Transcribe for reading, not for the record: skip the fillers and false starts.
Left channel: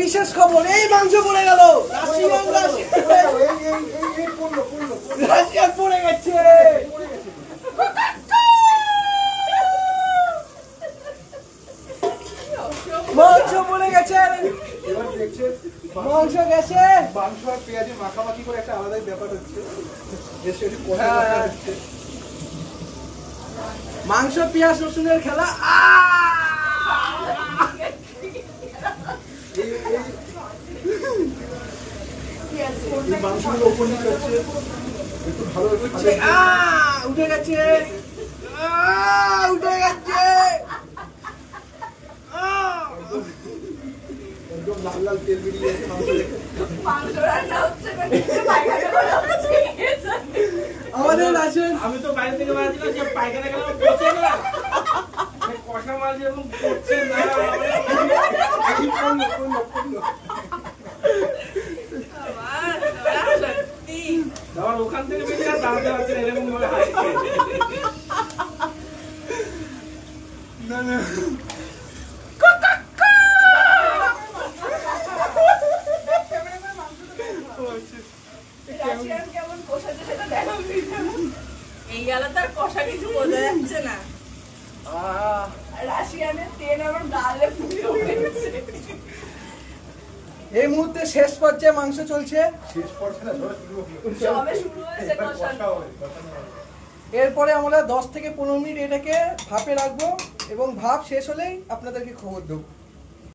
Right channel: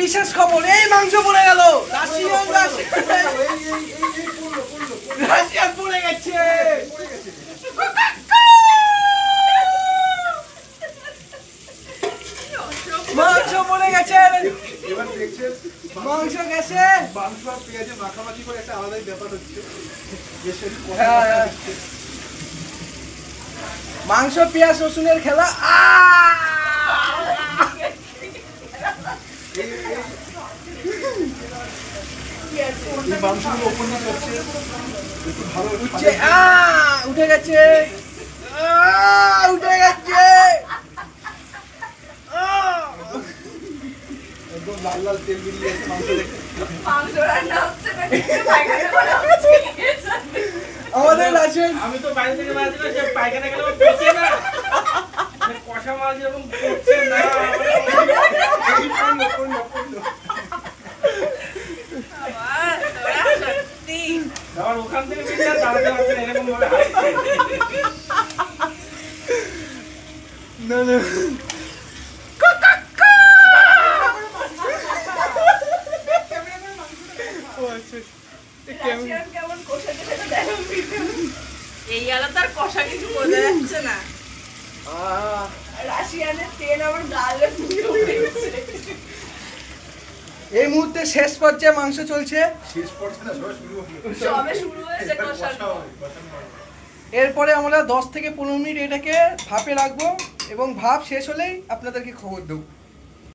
বিশেষ খবর, এই মাংস পড়ে গেল। রাশিয়ান পড়ে গেছে। মাংস পড়ে গেছে। এবার দেখছেন মাংস গেছে। মাংস আর পেঁয়াজের মাখামাখি করে একটা আলাদাই ব্যাপার হচ্ছে। মাংস পেঁয়াজ রসুনের খেলা। মাংসগুলো ওপর নিচে হচ্ছে একটু ভালো উঠে গেছে, উঠে গেছে। একদম লাল লাল তেল বেরিয়ে গেছে মাংস দেখে। আমাদের আছে। আমি তো বাইরে থেকে মাছ দিলাম, সে পায়খানা গেল পচে না, কষা মাছ যেরকম পচছে না। আবার ওখান থেকে বেরিয়ে দাঁড়াতে পারছেন এরকম ভাবে হাসছে। এই আলাদা কষা কিছু বোঝা যাচ্ছে না। রাশিয়ানের তেল আমার গালে ফুটে উঠেছে। এই মুহূর্তে শেষ পর্যায়ে মাংস চলছে। শেষ পর্যায়ে না, সবে শুরু হয়েছে কষানো। এরপরে আমরা 10 থেকে 15 মিনিট এটাকে ভাপে রাখবো এবং ভাপ শেষ হলেই আপনাদেরকে খবর দেবো।